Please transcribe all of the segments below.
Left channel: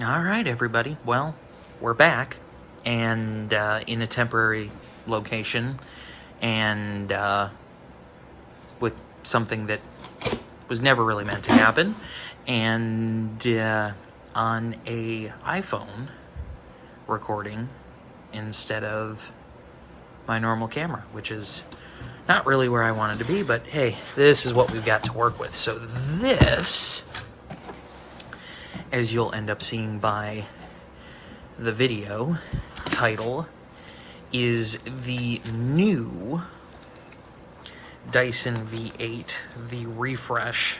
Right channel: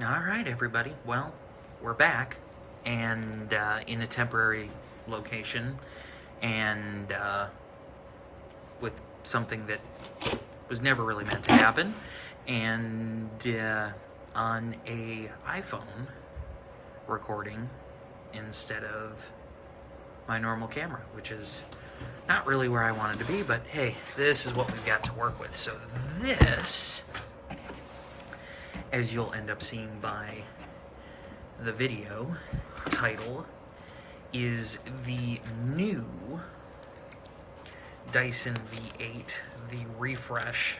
All right, everybody. Well, we're back, and in a temporary location, and with something that was never really meant to happen, and on a iPhone recording instead of my normal camera, which is not really where I wanted to be, but hey, this is what we've got to work with. So this, as you'll end up seeing by the video title, is the new Dyson V8, the refresh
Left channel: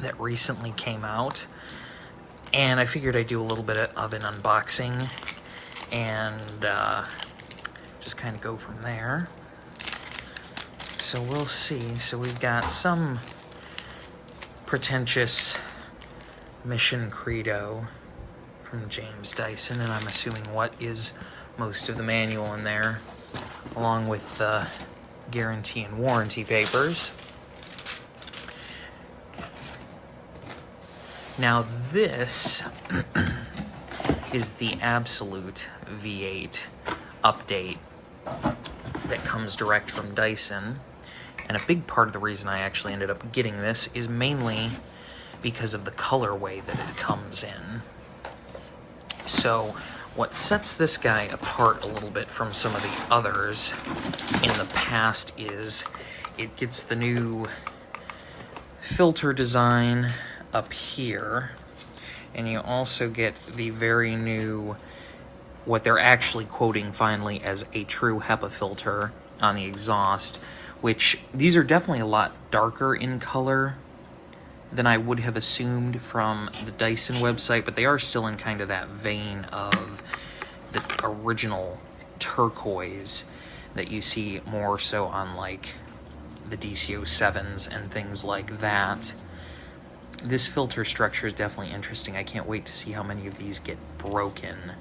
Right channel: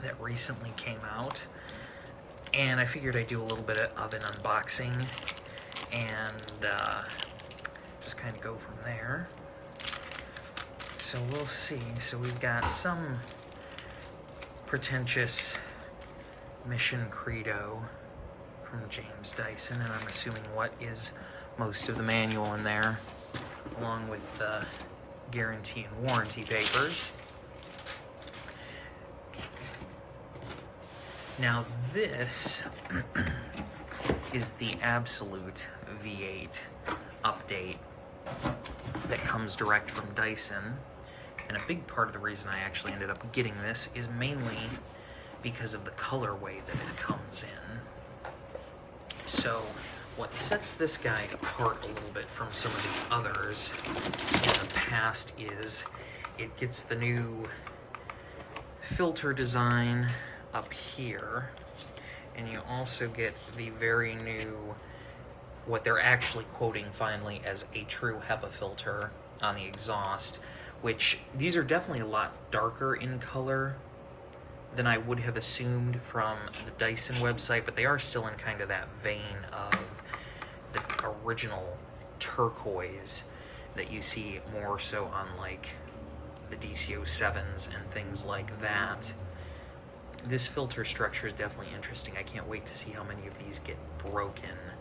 that recently came out. And I figured I'd do a little bit of an unboxing and just kind of go from there. So we'll see. So we've got some pretentious mission credo from James Dyson, and I'm assuming what is most of the manual in there, along with the guarantee and warranty papers. Now this is the absolute V8 update that comes direct from Dyson, and a big part of the reason I actually ended up getting this is mainly because of the colorway that it comes in. So what sets this guy apart a little bit from some of the others in the past is it gets the new filter design up here, and you also get the very new, what they're actually quoting finally as a true HEPA filter on the exhaust, which these are definitely a lot darker in color than I would have assumed from the Dyson website, but they are still in kind of that vein of the original turquoise that you see more so on like the DC07s and things like that. This filter structure is definitely interesting. I can't wait to see how many of these get broken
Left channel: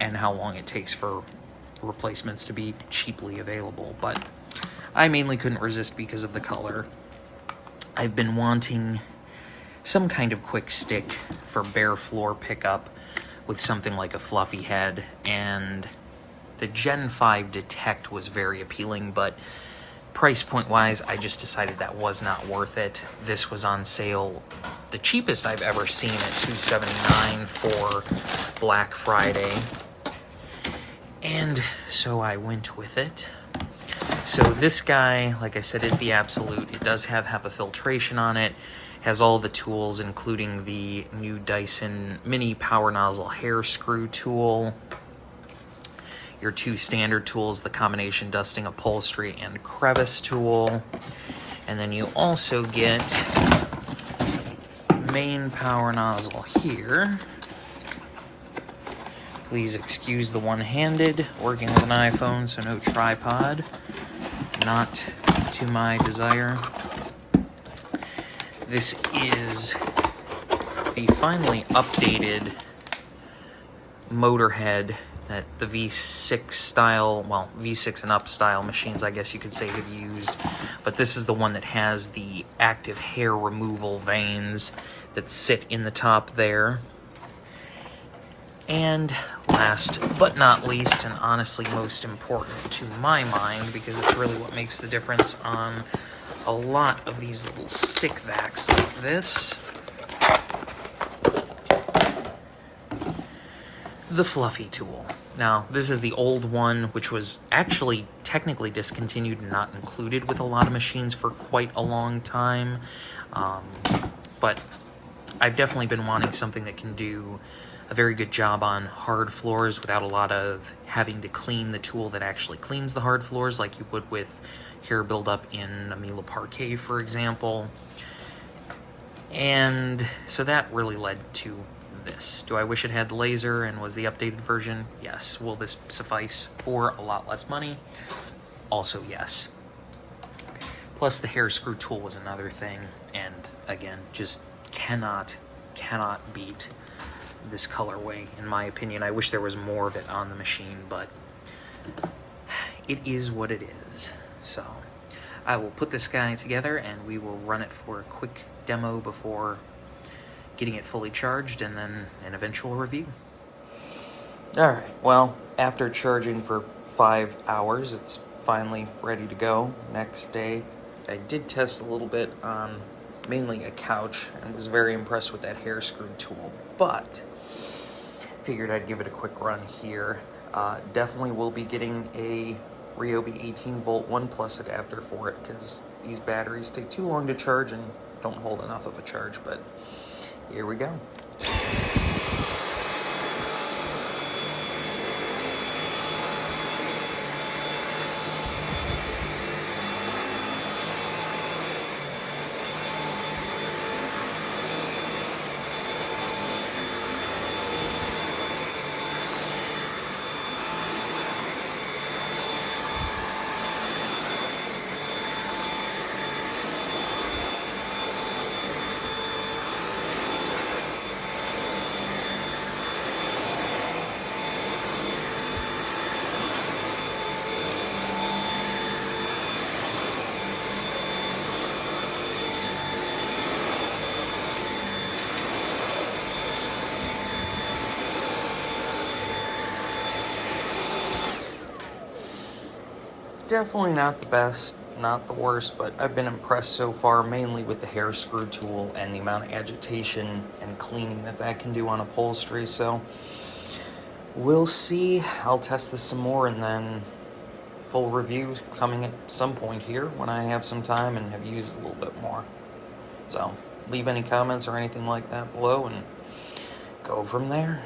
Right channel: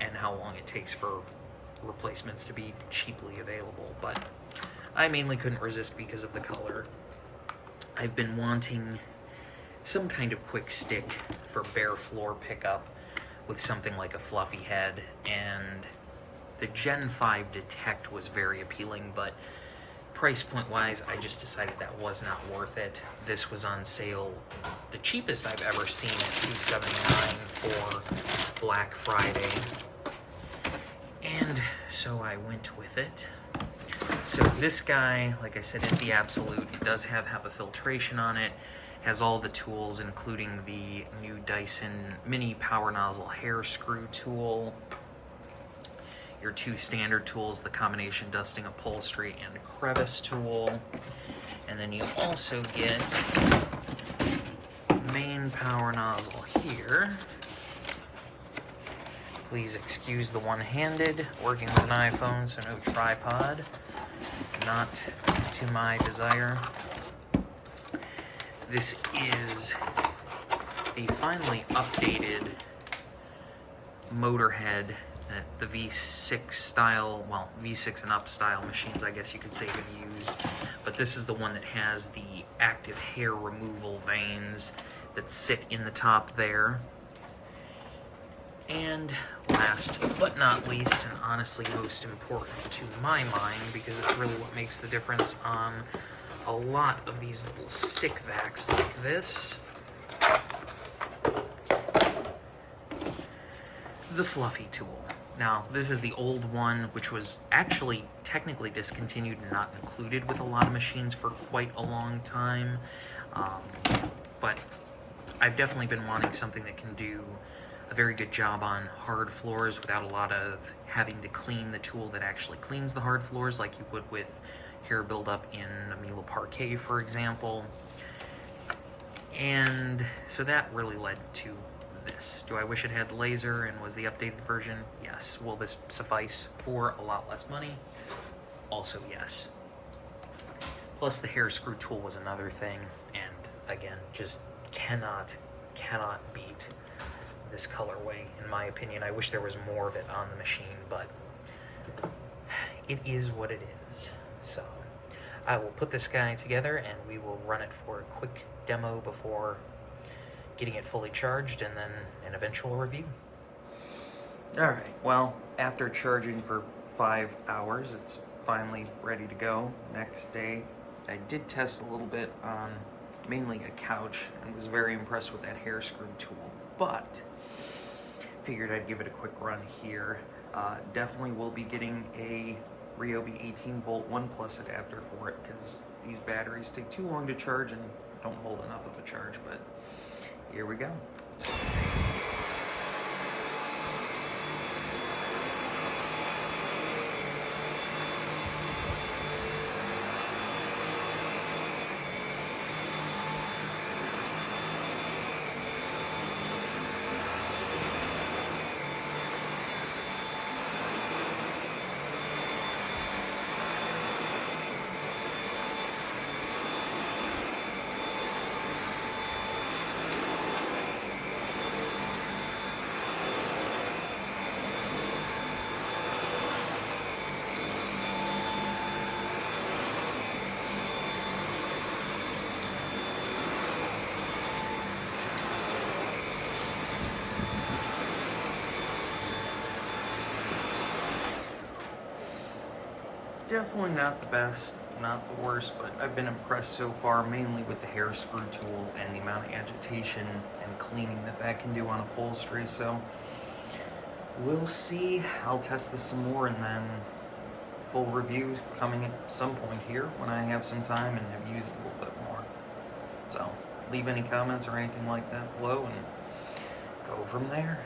and how long it takes for replacements to be cheaply available, but I mainly couldn't resist because of the color. I've been wanting some kind of quick stick for bare floor pickup with something like a fluffy head, and the Gen 5 Detect was very appealing, but price point wise, I just decided that was not worth it. This was on sale, the cheapest I've ever seen, at $279 for Black Friday, and so I went with it. So this guy, like I said, is the absolute. It does have HEPA filtration on it, has all the tools, including the new Dyson mini power nozzle hair screw tool, your two standard tools, the combination dusting, upholstery, and crevice tool, and then you also get main power nozzle here. Please excuse the one-handed, working with an iPhone, so no tripod. Not to my desire. This is a finally updated motor head that the V6 style, well, V6 and up style machines, I guess you could say, have used. But this is the one that has the active hair removal vanes that sit in the top there. And last but not least, and honestly most important to my mind, because it's really what makes the difference on a lot of these little stick vacs like this, the fluffy tool. Now, this is the old one, which was actually technically discontinued and not included with a lot of machines for quite a long time, but I've definitely been wanting something that can do a very good job on hard floors without a lot of having to clean the tool that actually cleans the hard floors like you would with hair buildup in a Miele Parquet, for example. And so that really led to this. Do I wish it had the laser and was the updated version? Yes. Will this suffice for a lot less money? Also yes. Plus the hair screw tool was another thing, and again, just cannot beat this colorway, in my opinion. I wish there was more of it on the machine, but it is what it is. So I will put this guy together and we will run it for a quick demo before getting it fully charged, and then an eventual review. Alright, well, after charging for 5 hours, it's finally ready to go. Next day, I did test a little bit on mainly a couch and was very impressed with that hair screw tool, but figured I'd give it a quick run here. Definitely will be getting a Ryobi 18 volt 1 Plus adapter for it, because these batteries take too long to charge and don't hold enough of a charge, but here we go. Definitely not the best, not the worst, but I've been impressed so far, mainly with the hair screw tool and the amount of agitation and cleaning that can do on upholstery, so we'll see. I'll test this some more, and then full review coming at some point here when I have some time and have used it a little bit more. So leave any comments or anything like that below and go from there.